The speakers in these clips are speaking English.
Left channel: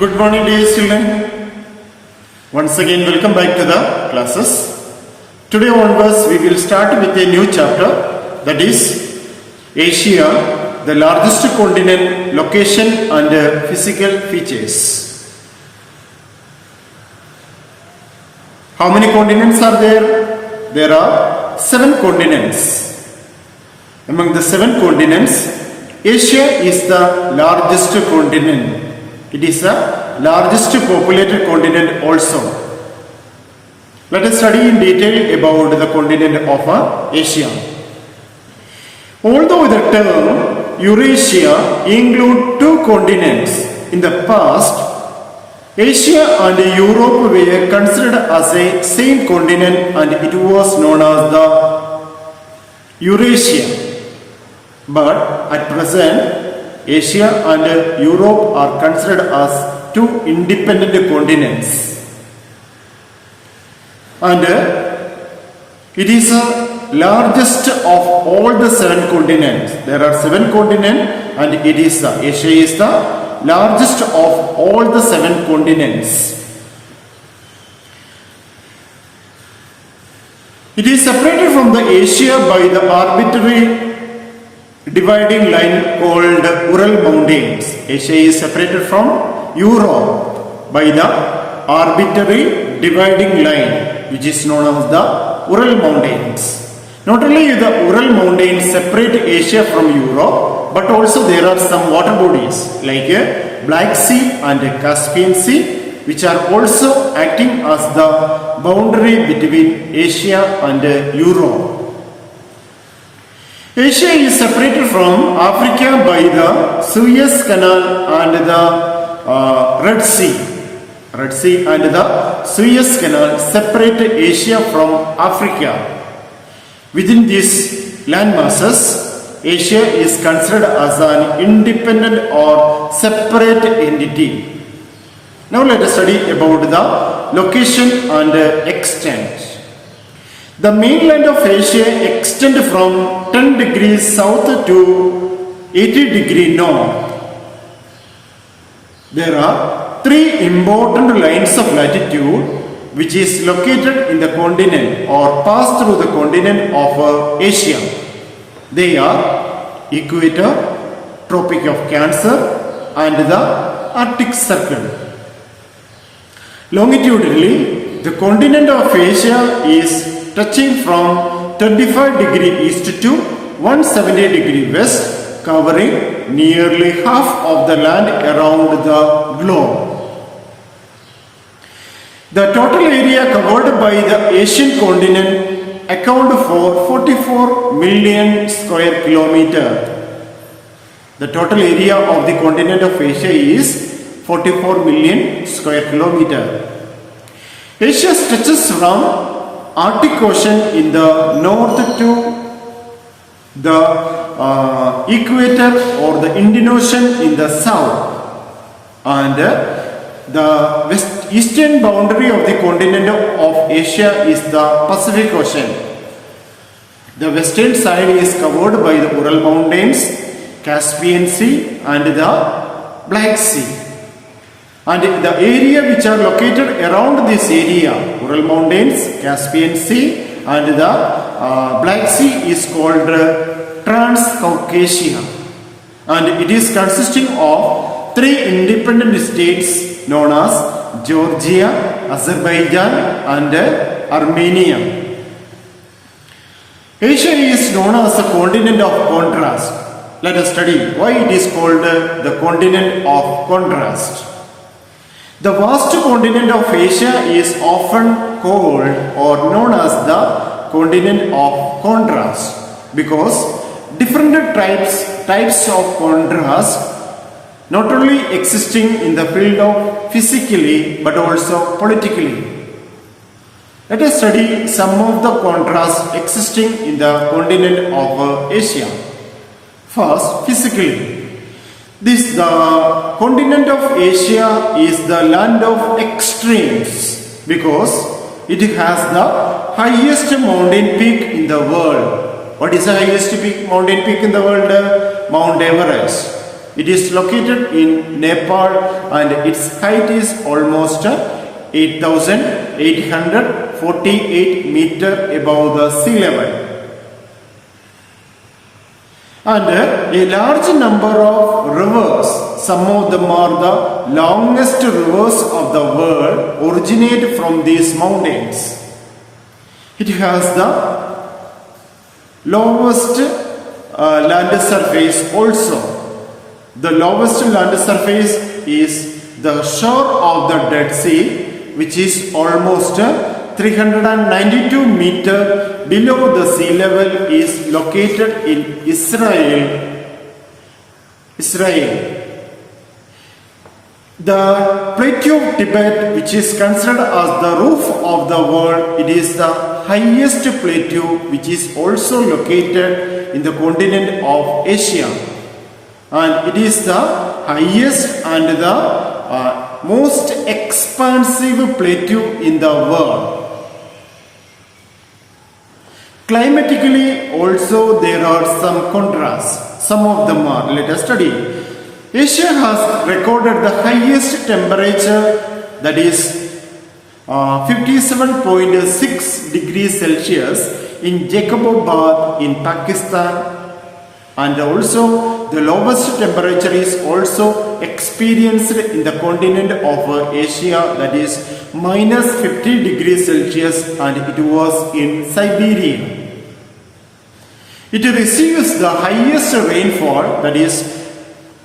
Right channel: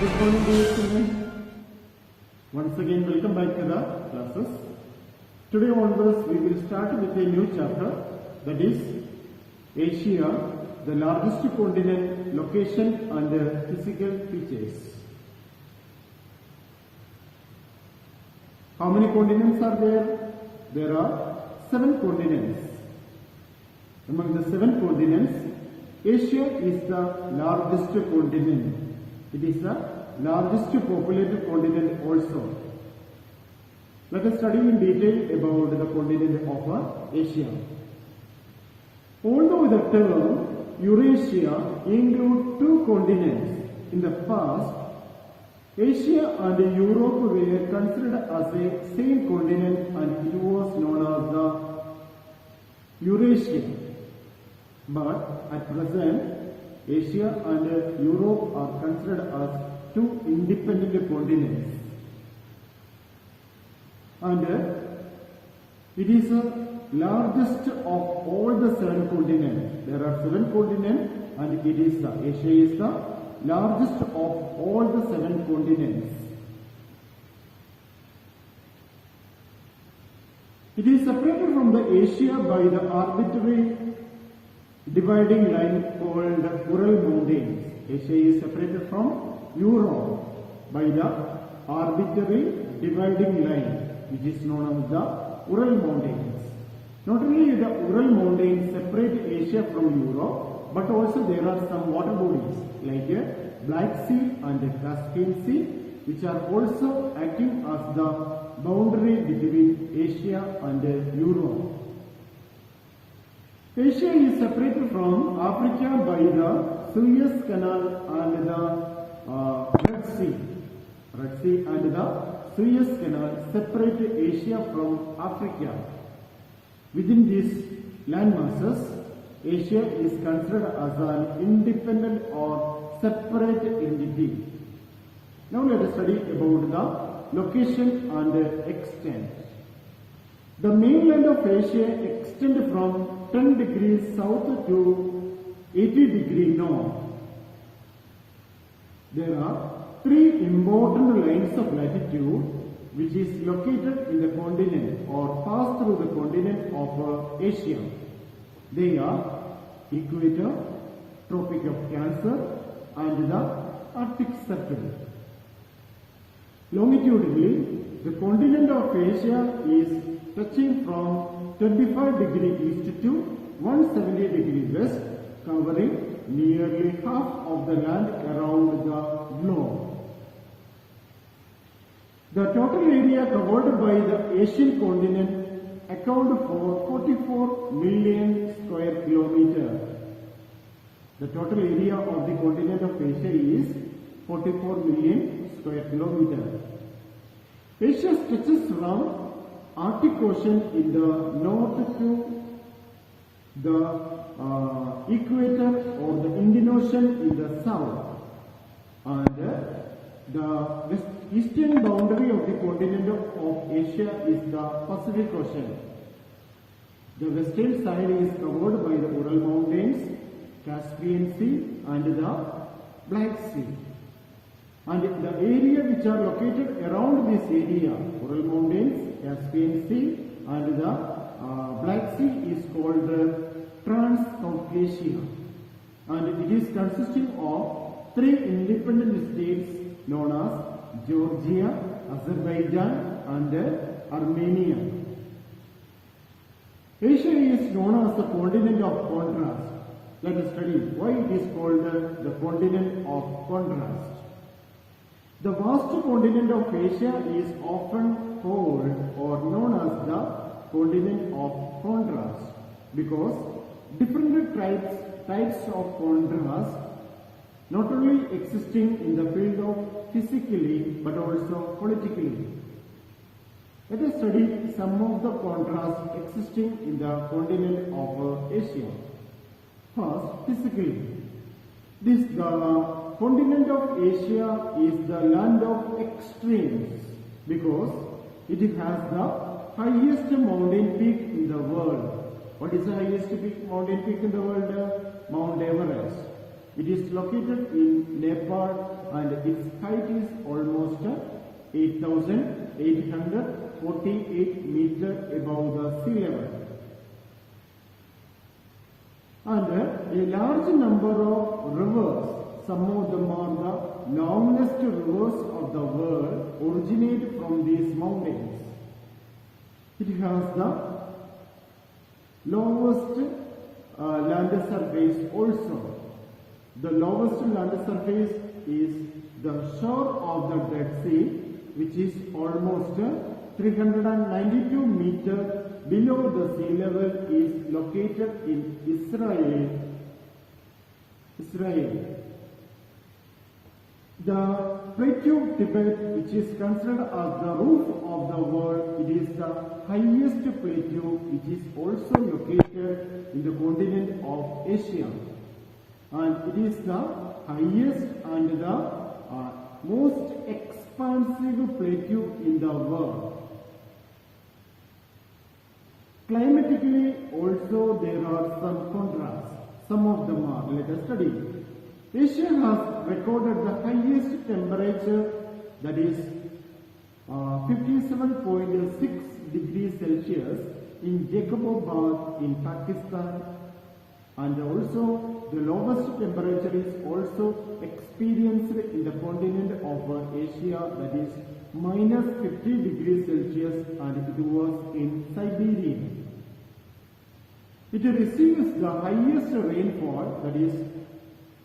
Good morning dear children. Once again welcome back to the classes. Today onwards we will start with a new chapter, that is Asia, the largest continent, location and physical features. How many continents are there? There are 7 continents. Among the 7 continents, Asia is the largest continent. It is the largest populated continent also. Let us study in detail about the continent of Asia. Although the term Eurasia includes 2 continents, in the past, Asia and Europe were considered as a same continent and it was known as the Eurasia. But at present, Asia and Europe are considered as 2 independent continents. And it is the largest of all the 7 continents. There are 7 continents and it is Asia is the largest of all the 7 continents. It is separated from the Asia by the arbitrary dividing line called Ural Mountains. Asia is separated from Europe by the arbitrary dividing line which is known as the Ural Mountains. Not only the Ural Mountains separate Asia from Europe, but also there are some water bodies like Black Sea and Caspian Sea which are also acting as the boundary between Asia and Europe. Asia is separated from Africa by the Suez Canal and the Red Sea. Red Sea and the Suez Canal separate Asia from Africa. Within these land masses, Asia is considered as an independent or separate entity. Now let us study about the location and extent. The mainland of Asia extends from 10 degrees south to 80 degrees north. There are 3 important lines of latitude which is located in the continent or pass through the continent of Asia. They are Equator, Tropic of Cancer and the Arctic Circle. Longitudinally, the continent of Asia is touching from 35 degrees east to 170 degrees west, covering nearly half of the land around the globe. The total area covered by the Asian continent account for 44 million square kilometers. The total area of the continent of Asia is 44 million square kilometers. Asia stretches from Arctic Ocean in the north to the equator or the Indian Ocean in the south, and the eastern boundary of the continent of Asia is the Pacific Ocean. The western side is covered by the Ural Mountains, Caspian Sea and the Black Sea. And the area which are located around this area, Ural Mountains, Caspian Sea and the Black Sea is called Transcaucasia. And it is consisting of 3 independent states known as Georgia, Azerbaijan and Armenia. Asia is known as the continent of contrast. Let us study why it is called the continent of contrast. The vast continent of Asia is often called or known as the continent of contrast because different types of contrast not only existing in the field of physically but also politically. Let us study some of the contrasts existing in the continent of Asia. First, physically. The continent of Asia is the land of extremes because it has the highest mountain peak in the world. What is the highest mountain peak in the world? Mount Everest. It is located in Nepal and its height is almost 8,848 meters above the sea level. And a large number of rivers, some of them are the longest rivers of the world, originate from these mountains. It has the lowest land surface also. The lowest land surface is the shore of the Dead Sea, which is almost 392 meters below the sea level, is located in Israel. The plateau of Tibet, which is considered as the roof of the world, it is the highest plateau which is also located in the continent of Asia. And it is the highest and the most expansive plateau in the world. Climatically also there are some contrasts. Some of them are, let us study. Asia has recorded the highest temperature, that is 57.6 degrees Celsius in Jacobabad in Pakistan, and also the lowest temperature is also experienced in the continent of Asia, that is minus 50 degrees Celsius, and it was in Siberia. It receives the highest rainfall, that is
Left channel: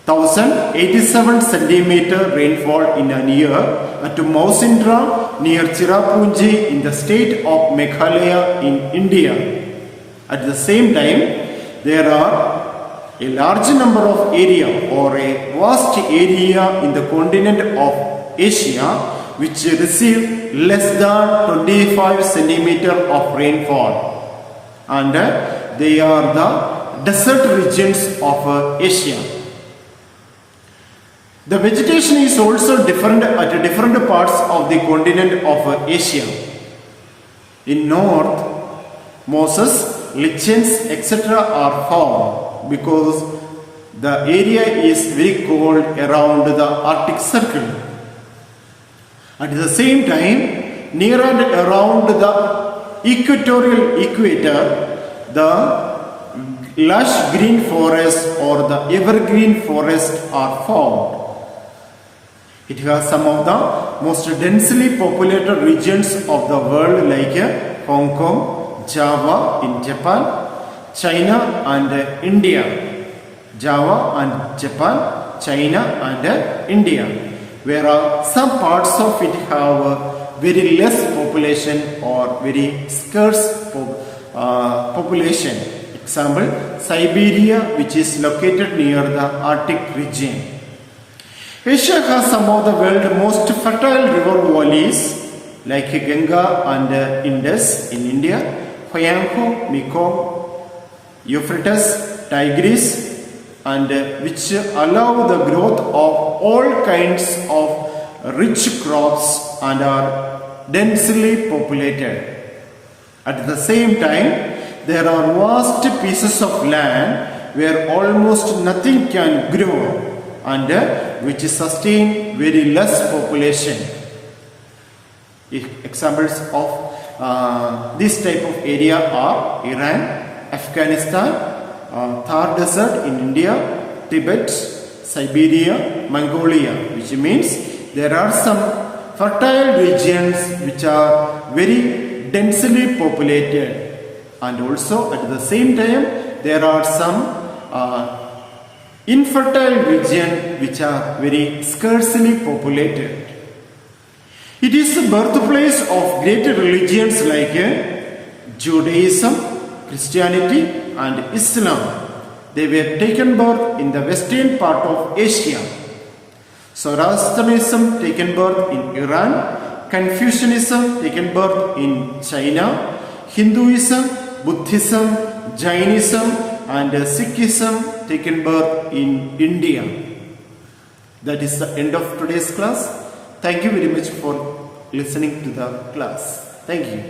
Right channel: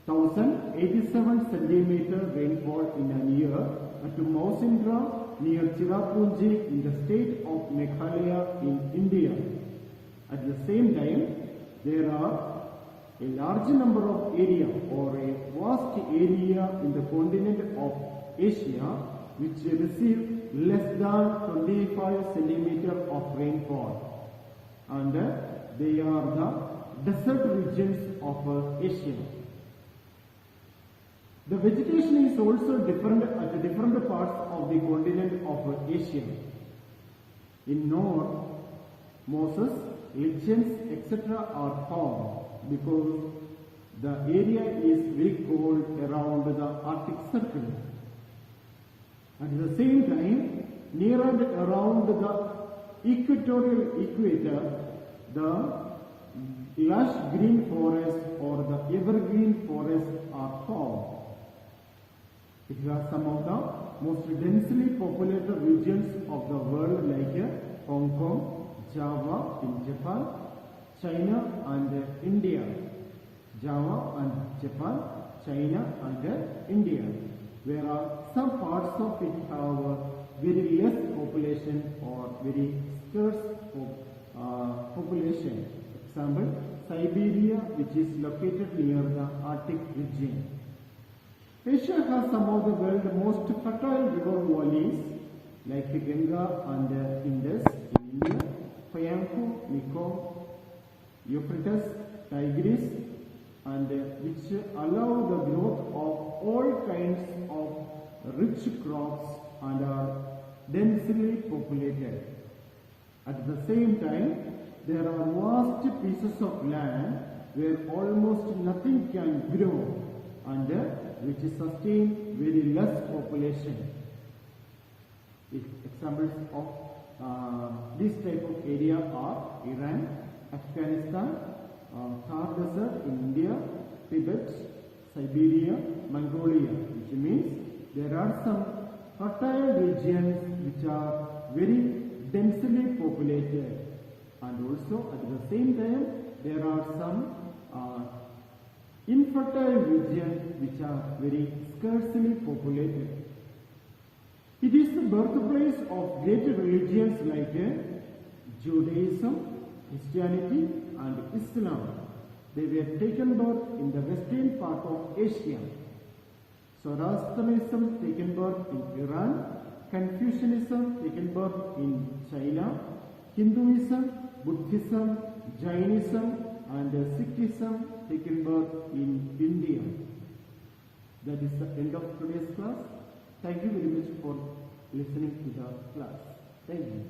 1087 centimeter rainfall in a year at Mausindra near Cherrapunji in the state of Meghalaya in India. At the same time, there are a large number of area or a vast area in the continent of Asia which receive less than 25 centimeter of rainfall, and they are the desert regions of Asia. The vegetation is also different at different parts of the continent of Asia. In north, mosses, lichens, etc. are found because the area is very cold around the Arctic Circle. At the same time, near and around the equatorial equator, the lush green forests or the evergreen forests are found. It has some of the most densely populated regions of the world like Hong Kong, Java in Japan, China and India. Java and Japan, China and India. Whereas some parts of it have very less population or very scarce population. Example, Siberia, which is located near the Arctic region. Asia has some of the world's most fertile river valleys like Ganga and Indus in India, Huanghe, Mekong, Euphrates, Tigris, and which allow the growth of all kinds of rich crops and are densely populated. At the same time, there are vast pieces of land where almost nothing can grow and which sustain very less population. Examples of this type of area are Iran, Afghanistan, Thar Desert in India, Tibet, Siberia, Mongolia, which means there are some fertile regions which are very densely populated, and also at the same time there are some infertile regions which are very scarcely populated. It is the birthplace of great religions like Judaism, Christianity and Islam. They were taken birth in the western part of Asia. Zoroastrianism taken birth in Iran, Confucianism taken birth in China, Hinduism, Buddhism, Jainism and Sikhism taken birth in India. That is the end of today's class. Thank you very much for listening to the class. Thank you.